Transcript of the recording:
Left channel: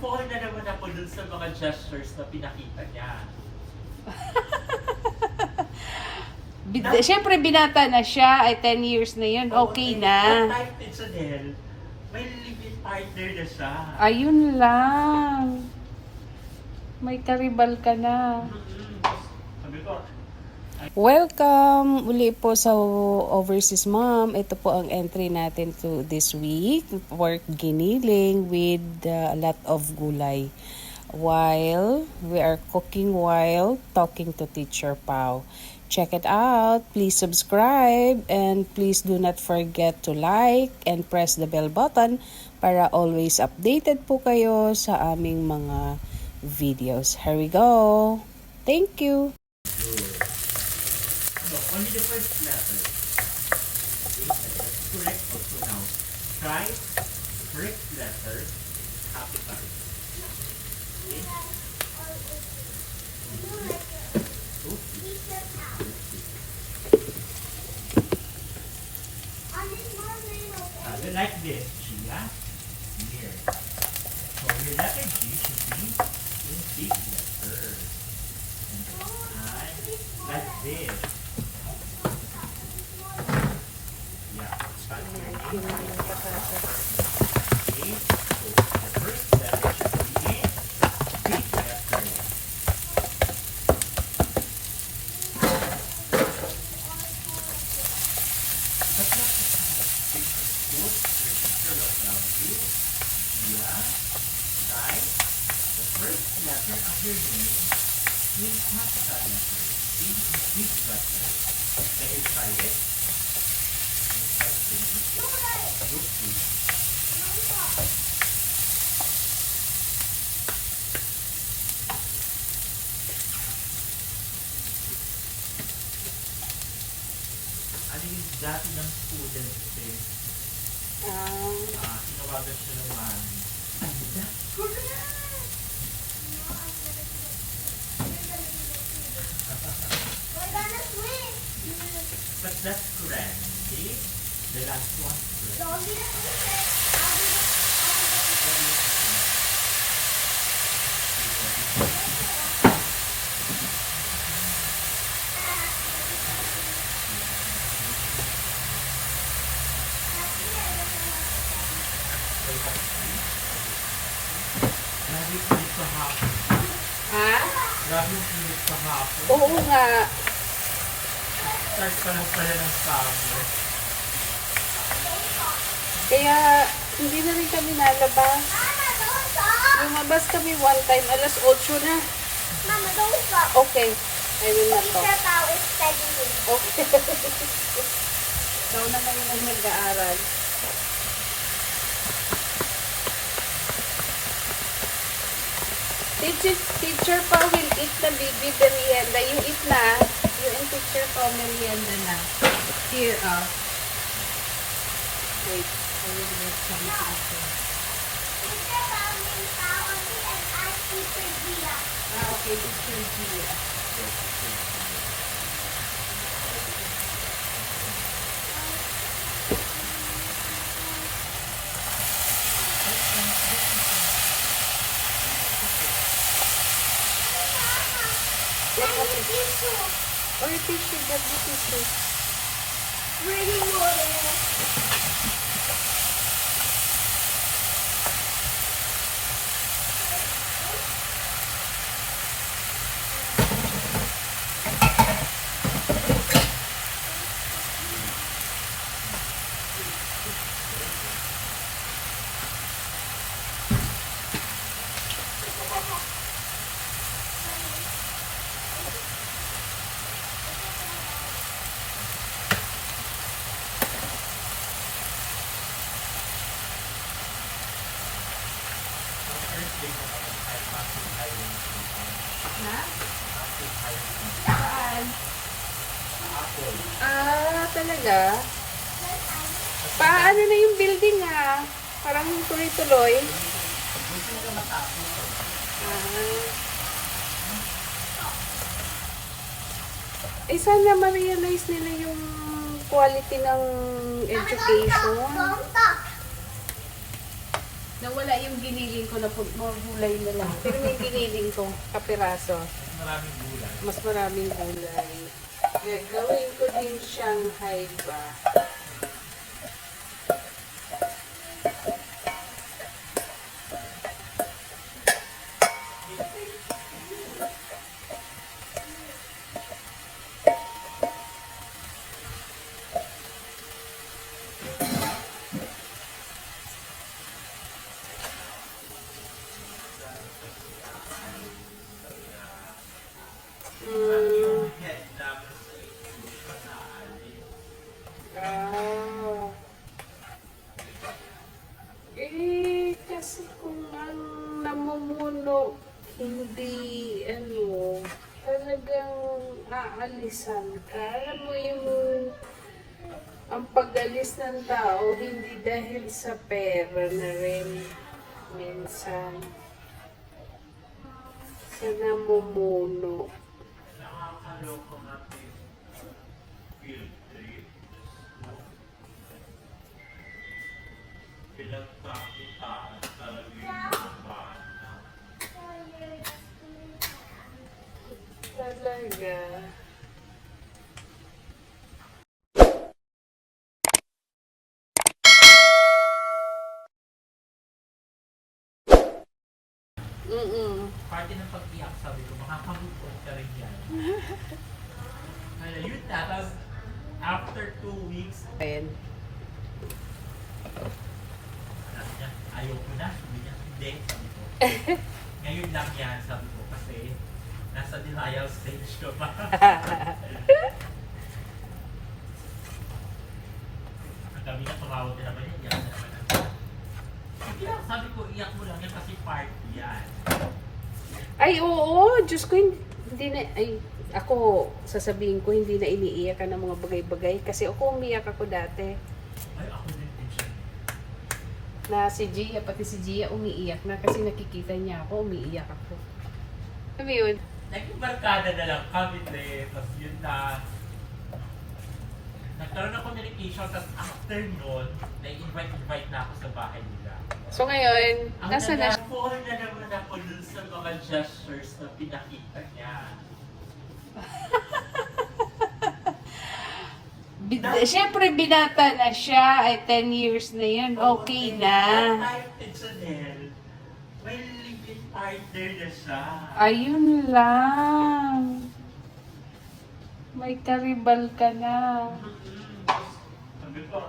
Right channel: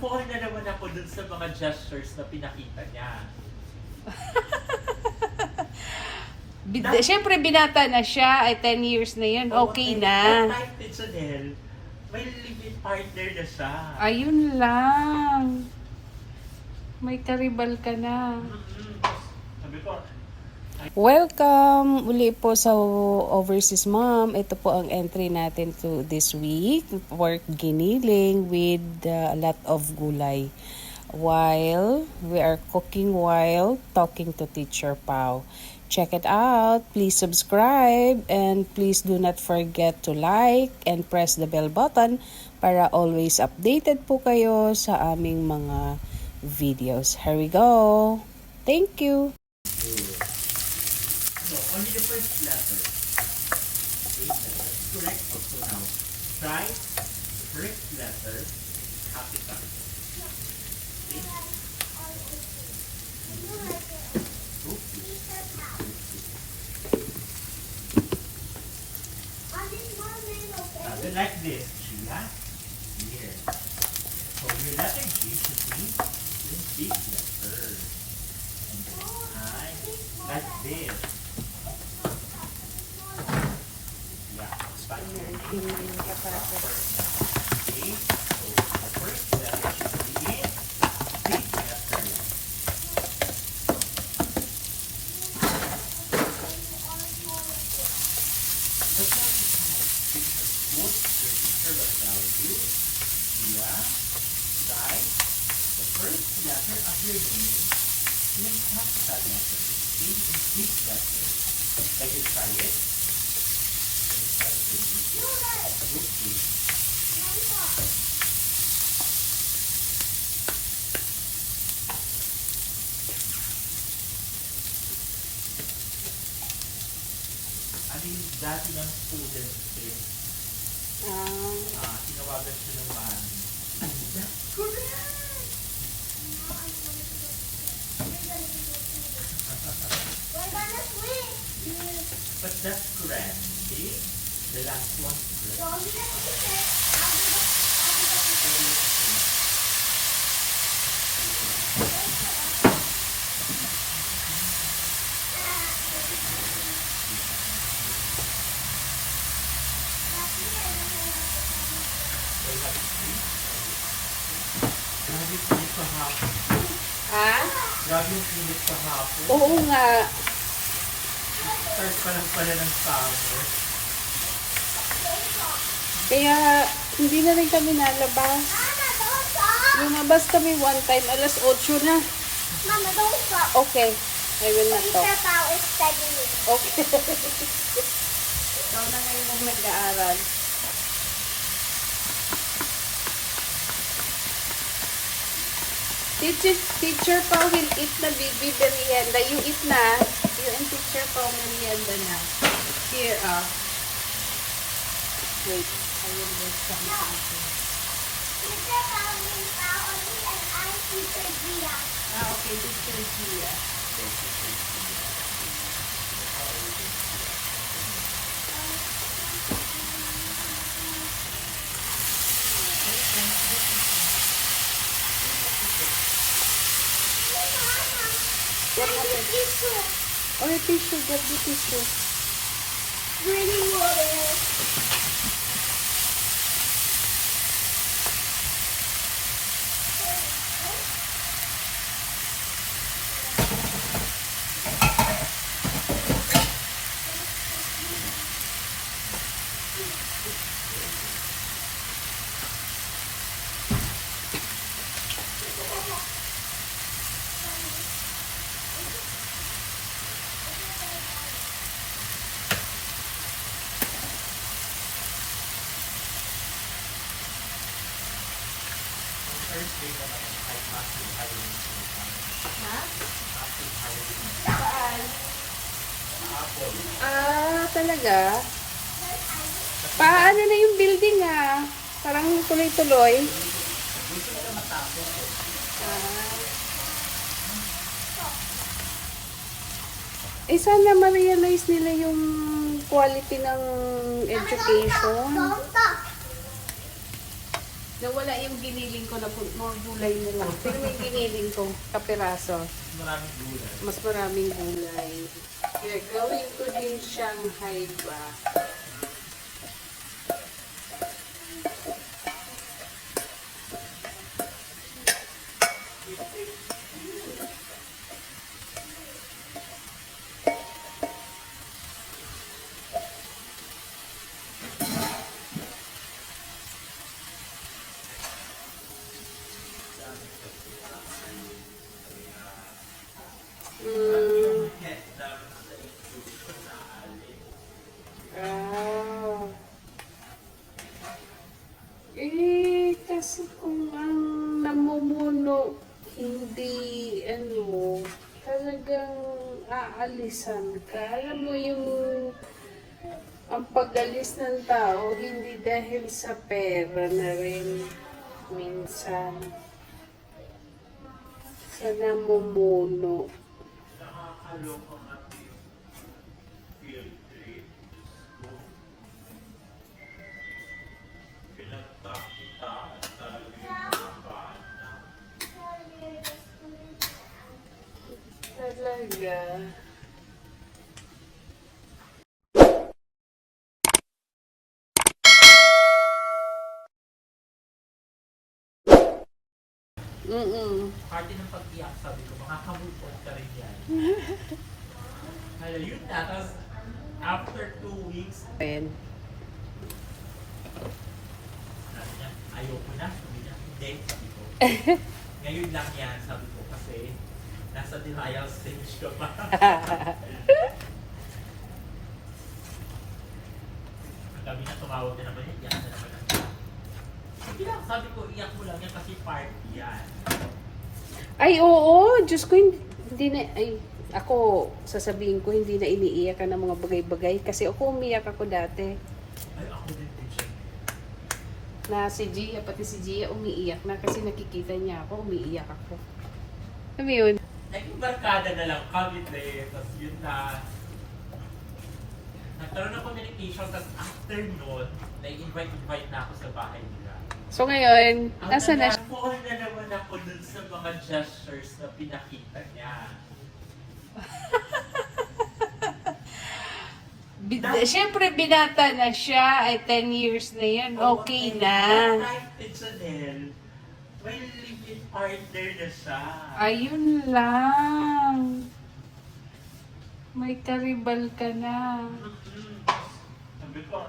Na-fall na naman ako dun sa mga gestures na pinakita niya. Siyempre, binata na siya. Ay, 10 years na yun. Okay na. Kahit Chanel, may living partner na siya. Ayun lang. May karibal ka na. Sabi ko, Welcome uli po sa Overseas Mom. Ito po ang entry natin to this week. Pork giniling with a lot of gulay. While we are cooking while talking to Teacher Pau. Check it out. Please subscribe and please do not forget to like and press the bell button para always updated po kayo sa aming mga videos. Here we go. Thank you. no, only the first letter. Correct also now. Try first letter, capital. Okay? Like this, G, ha? Here. So your letter G should be in big letter. Right? Like this. Yeah, start here. Okay? So the first letter should be in big letter. Of your name is capital letter. In big letter. Can you try it? Ano yung dati ng student kasi tinawagan siya ng mami. But that's correct. See? The last one is correct. Grabe yung pilit sa hapon. Ha? Grabe yung pilit sa hapon. Oo nga. Start pa lang pala ng summer. Kaya hindi na rin kami nalabas. Lumabas kami one time, alas 8 na. Mama, don't stop. Okay. I will not talk. Teacher Pao is studying. Okay. Ikaw na kayo nang nag-aaral. Teacher Pao will eat the baby merienda. You eat na. You and Teacher Pao merienda na. Here, wait. I will get something here. Teacher Pao is Paoli and I Teacher Gia. Okay, Teacher Gia. Tissue. Or tissue, get the tissue. Drinking water. Talaga? Paano na yung building Parang yung tuloy-tuloy. Sana ma-realize nila yung quality ng education. Nawala yung giniling ko na more gulay na lang. Pero yung giniling ko, kapiraso, Maraming gulay. mas maraming gulay. Kaya gawin ko din siyang haiba. Ah. Kasi kung ang namumuno, hindi, talagang aalisan ka. Alam mo yung, ang pag-alis ng tao, hindi dahil sa pera na rin, minsan, sa namumuno. Nakakaloko natin field trip. Pinagkakitaan talaga yung mga bata. Talaga. Parte ng pag-iyak, sabi ko, makaka-move on ka rin yan. Kaya yun na, tapos after 2 weeks, Ayan. sabi niya, ayoko na, sabi niya, hindi, sabi ko. Ngayon lang yan, sabi ko, kasi nasa denial stage ka pa. Ang kami na tumawag ka naman yun, yan na naman ang sige lang, sabi ko, iyak mo lang yan kasi party yan. Ay, oo. Diyos ko, hindi na, ako, sasabihin ko, hindi na iniiyak ka ng mga bagay-bagay. Kasi ako, umiyak ako dati. Ay, ako din din siya. Na si Gia, pati si Gia, umiiyak na. Kasi nakikita niya ako, umiiyak ako. Ano yun? Naging barkada na lang kami din. Tapos yun na. Nagkaroon ng communication. Tapos after nun, nai-invite na ako sa bahay nila. So ngayon, Ang nasa na siya? nalapoon na naman ako dun sa mga gestures na pinakita niya. Siyempre, binata na siya. Ay, 10 years na yun. Okay na. Kahit Chanel, well, live-in partner na siya. Ayun lang. May karibal ka na. Sabi ko,